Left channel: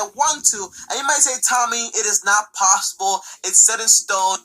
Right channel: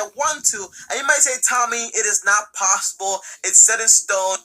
I want to, and you might say, Tommy, it is not possible. It's set in stone.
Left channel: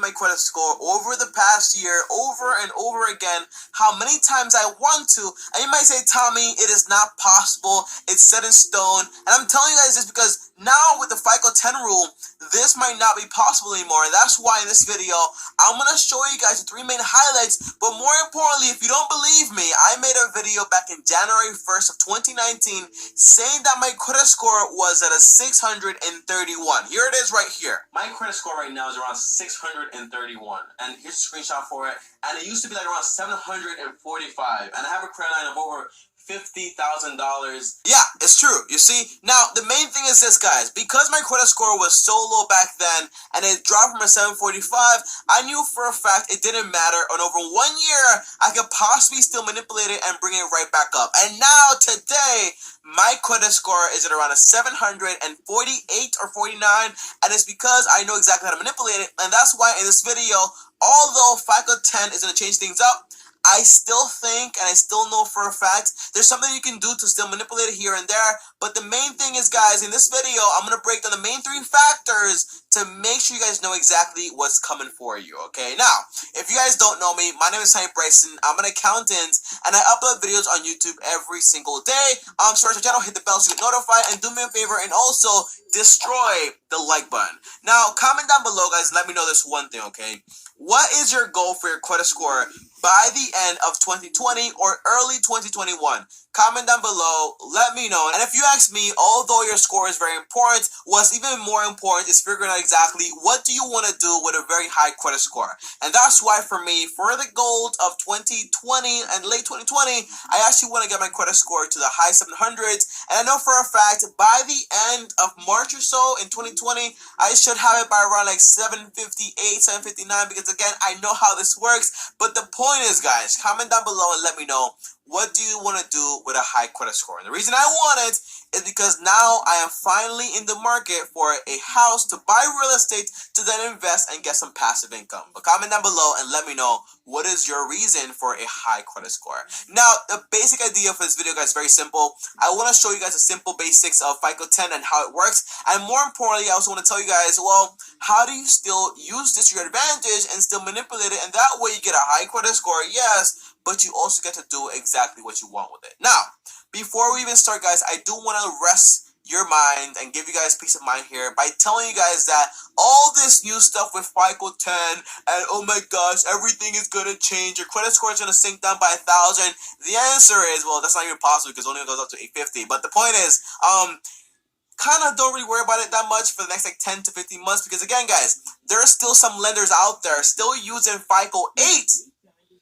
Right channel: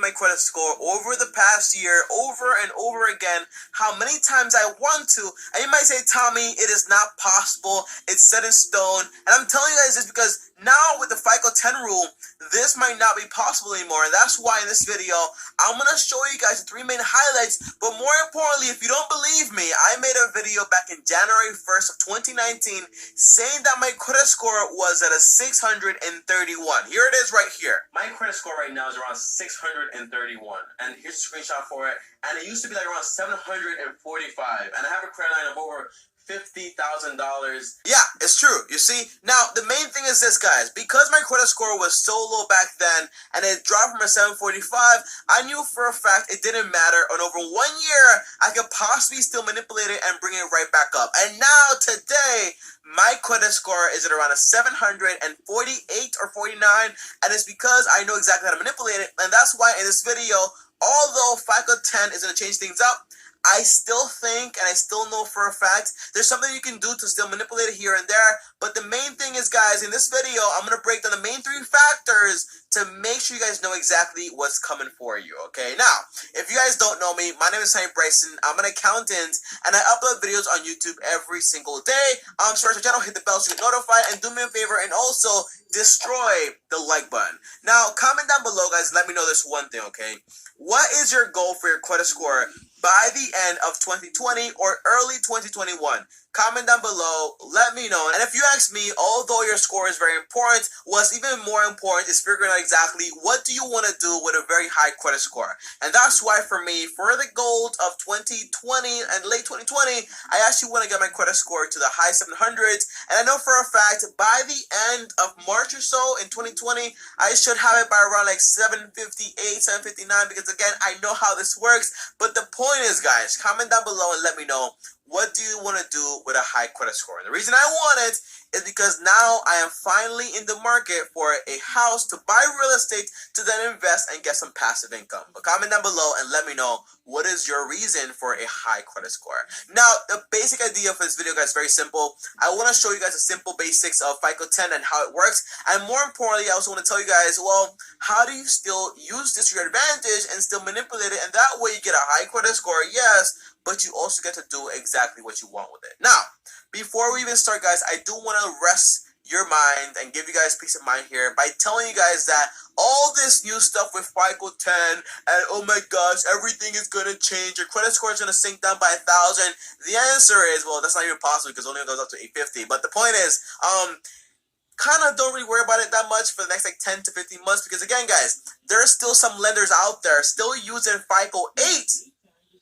My credit score over the past year, over and over again, how many times I want to, and you might say, Tommy, it is not possible. It's set in stone. And I'm telling you guys this because now with the FICO 10 rule, this might not be possible anymore. And that's why in this video, I'm going to show you guys the 3 main highlights. But more importantly, if you don't believe me, I made a video back in January 1st of 2019 saying that my credit score was at a 631. Here it is right here. My credit score right now is around 631. And here's a screenshot for it. And it used to be like around 745. And I have a credit line of over $50,000. Yeah, it's true. You see, now the main thing is this, guys. Because my credit score was so low back then, and it dropped from a 745, I knew for a fact it didn't matter. And over 1 year, I could possibly still manipulate it and bring it right back up. And now today, my credit score is at around a 748 or 49, and it's because I know exactly how to manipulate it. And that's why in this video, although FICO 10 is going to change things up, I still think, and I still know for a fact, there's something you can do to still manipulate it here and there. But the main thing is, guys, in this video, I'm going to break down the main 3 factors to make sure you guys know exactly what's coming for you, okay? Now, if you guys don't know me, my name is Bryson. I'm an accountant, and I upload videos on YouTube every single day. Subscribe to the channel, hit the bell so you get notified, and do me a favor and also destroy the like button. Now, comment down below, guys, let me know this one thing, okay? What is your goal for your credit score by the end of 2020 or early 2021? Comment down below, let me know. And if you ask me, although your score is very important, what's even more important is figuring out exactly what do you want to do with a very high credit score. And that's why for me, for the goals of 2020 and late 2020, I actually want to get my credit score to the high 700s. And I know for a fact, by the end of March or so in 2020, I should have it by around like 758, 759, because again, I know how this works. But the point is, guys, comment down below and let me know, what do you want to do with a high credit score? And the reason I want it is because now I am finally in the market for a house to buy real estate to then invest and get some passive income. But comment down below and let me know, what is your reason for a high credit score? Now, the basic idea for this video, guys, is very simple. I want to show you guys the simple basics of FICO 10 and how it works. And more importantly, I also want to tell you guys, well, how do you still use this to your advantage and still manipulate it? And that way you get a high credit score, yes, but you also get to do exactly what you want with it. Now, before we even start, guys, I do want to rest your mind and give you guys peace of mind here by telling you guys that all this new stuff with FICO 10 and oh my gosh, everything is gonna change, your credit score is gonna sink down by 1,000. The answer is, well, that's not even possible because it only goes up to 850. But the point is, kind of don't really worry about it that much for the next like 10 to 15 months because again, guys, there are still some lenders out there still using FICO 8.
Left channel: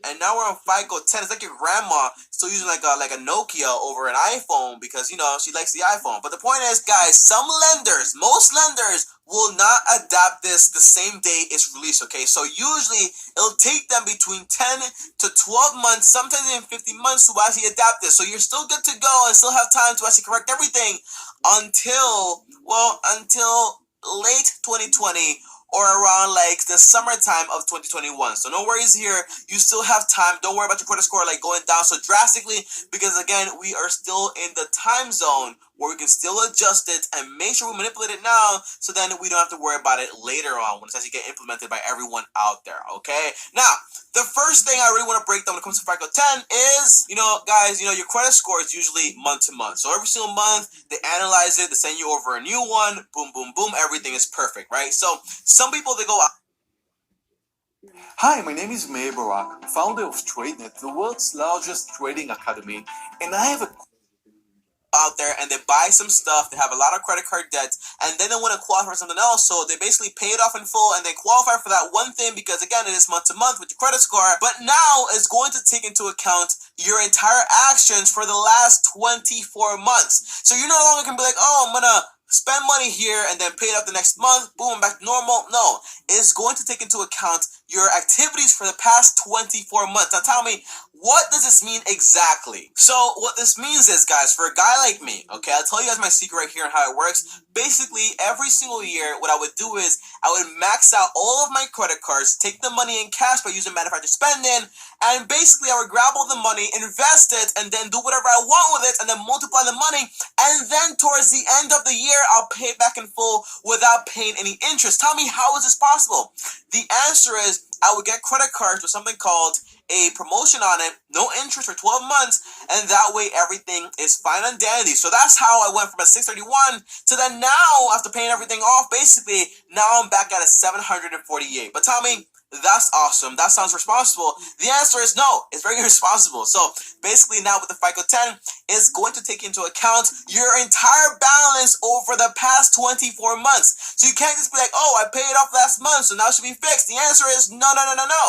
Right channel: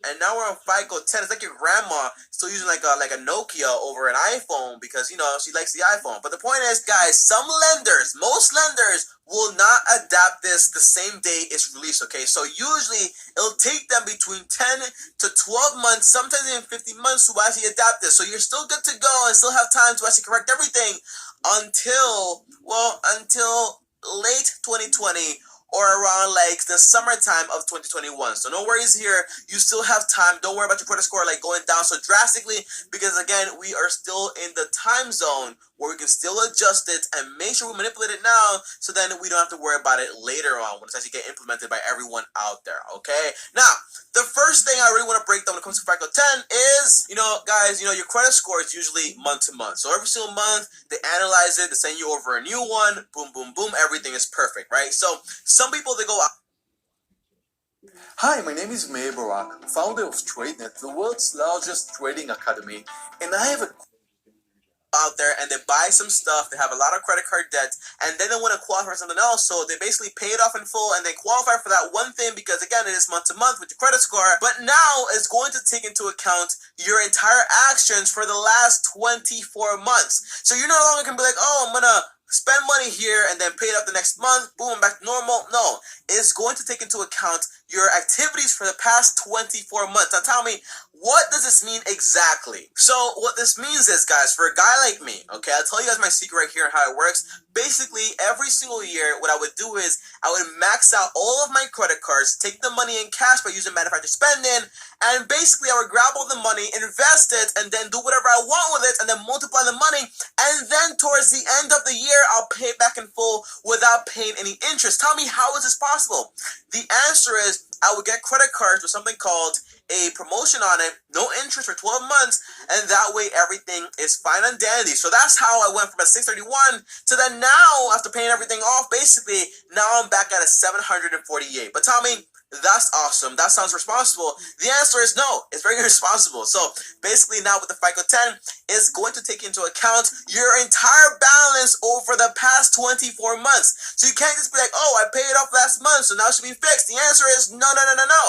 And now we're on FICO 10. It's like your grandma still using like a Nokia over an iPhone because, you know, she likes the iPhone. But the point is, guys, some lenders, most lenders will not adapt this the same day it's released, okay? So usually it'll take them between 10 to 12 months, sometimes even 15 months to actually adapt this. So you're still good to go and still have time to actually correct everything until late 2020 or around like the summertime of 2021. So no worries here. You still have time. Don't worry about your credit score like going down so drastically because again, we are still in the time zone where we can still adjust it and make sure we manipulate it now so then we don't have to worry about it later on when it's actually get implemented by everyone out there, okay? Now, the first thing I really want to break down when it comes to FICO 10 is, you know, guys, you know, your credit score is usually month to month. So every single month, they analyze it, they send you over a new one, boom, boom, boom, everything is perfect, right? So some people, they go out. Hi, my name is Meir Barak, founder of TradeNet, the world's largest trading academy, and I have a out there and they buy some stuff, they have a lot of credit card debt, and then they want to qualify for something else, so they basically pay it off in full and they qualify for that one thing because again, it is month to month with your credit score, but now it's going to take into account your entire actions for the last 24 months. So you're no longer going to be like, oh, I'm gonna spend money here and then pay it up the next month, boom, back to normal. No, it's going to take into account your activities for the past 24 months. Now tell me, What does this mean exactly? So what this means is, guys, for a guy like me, okay, I'll tell you guys my secret right here and how it works. Basically, every single year, what I would do is I would max out all of my credit cards, take the money in cash by using manufacturer spending, and basically I would grab all the money, invest it, and then do whatever I want with it, and then multiply the money, and then towards the end of the year, I'll pay it back in full without paying any interest. Tell me, how is this possible? The answer is I would get credit cards with something called a promotion on it, no interest for 12 months, and that way everything is fine and dandy. So that's how I went from a 631 to then now, after paying everything off, basically, now I'm back at a 748. But tell me, that's awesome. That sounds responsible. The answer is no. It's very irresponsible. So basically now with the FICO 10, it's going to take into account your entire balance over the past 24 months. So you can't just be like, oh, I paid off last month, so now it should be fixed. The answer is no, no, no, no, no.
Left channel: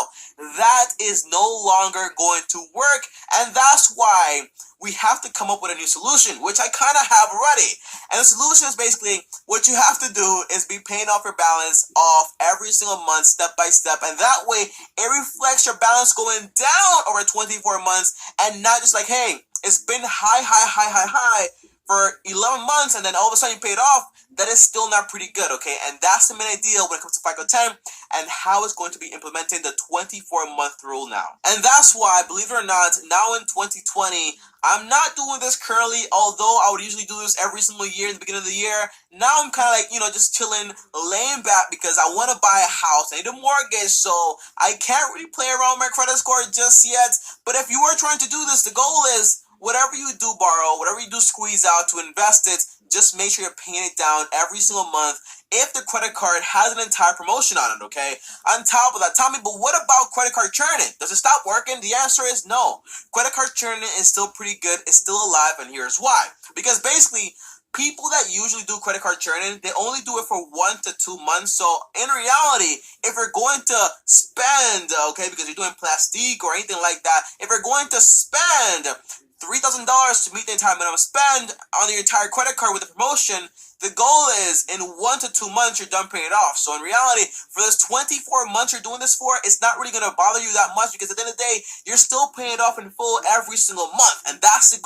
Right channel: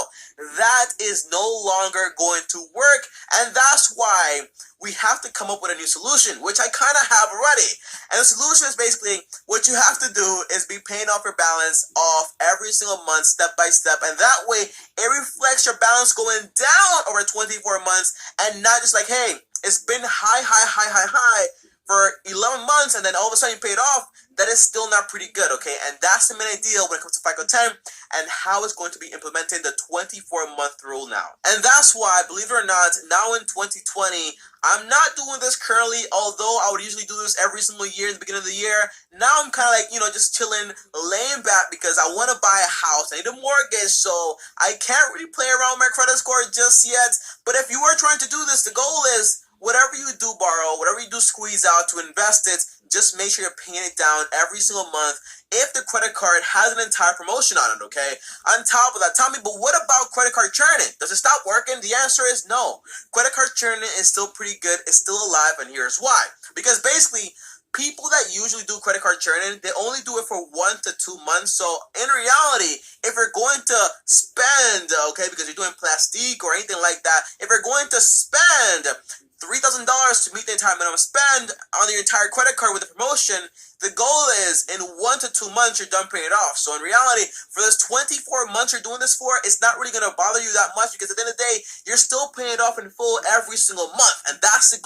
That is no longer going to work. And that's why we have to come up with a new solution, which I kind of have already. And the solution is basically what you have to do is be paying off your balance off every single month, step by step. And that way, it reflects your balance going down over 24 months and not just like, hey, it's been high for 11 months and then all of a sudden you pay it off. That is still not pretty good, okay? And that's the main idea when it comes to FICO 10 and how it's going to be implementing the 24-month rule now. And that's why, believe it or not, now in 2020, I'm not doing this currently, although I would usually do this every single year in the beginning of the year. Now I'm kind of like, just chilling, laying back because I want to buy a house. I need a mortgage, so I can't really play around with my credit score just yet. But if you are trying to do this, the goal is whatever you do borrow, whatever you do squeeze out to invest it, just make sure you're paying it down every single month if the credit card has an entire promotion on it, okay? On top of that, tell me, but what about credit card churning? Does it stop working? The answer is no. Credit card churning is still pretty good. It's still alive, and here's why. Because basically, people that usually do credit card churning, they only do it for 1 to 2 months. So in reality, if you're going to spend, okay, because you're doing plastique or anything like that, if you're going to spend $3,000 to meet the entire minimum spend on your entire credit card with a promotion, the goal is in 1 to 2 months you're done paying it off. So in reality, for those 24 months you're doing this for, it's not really going to bother you that much because at the end of the day, you're still paying it off in full every single month. And that's the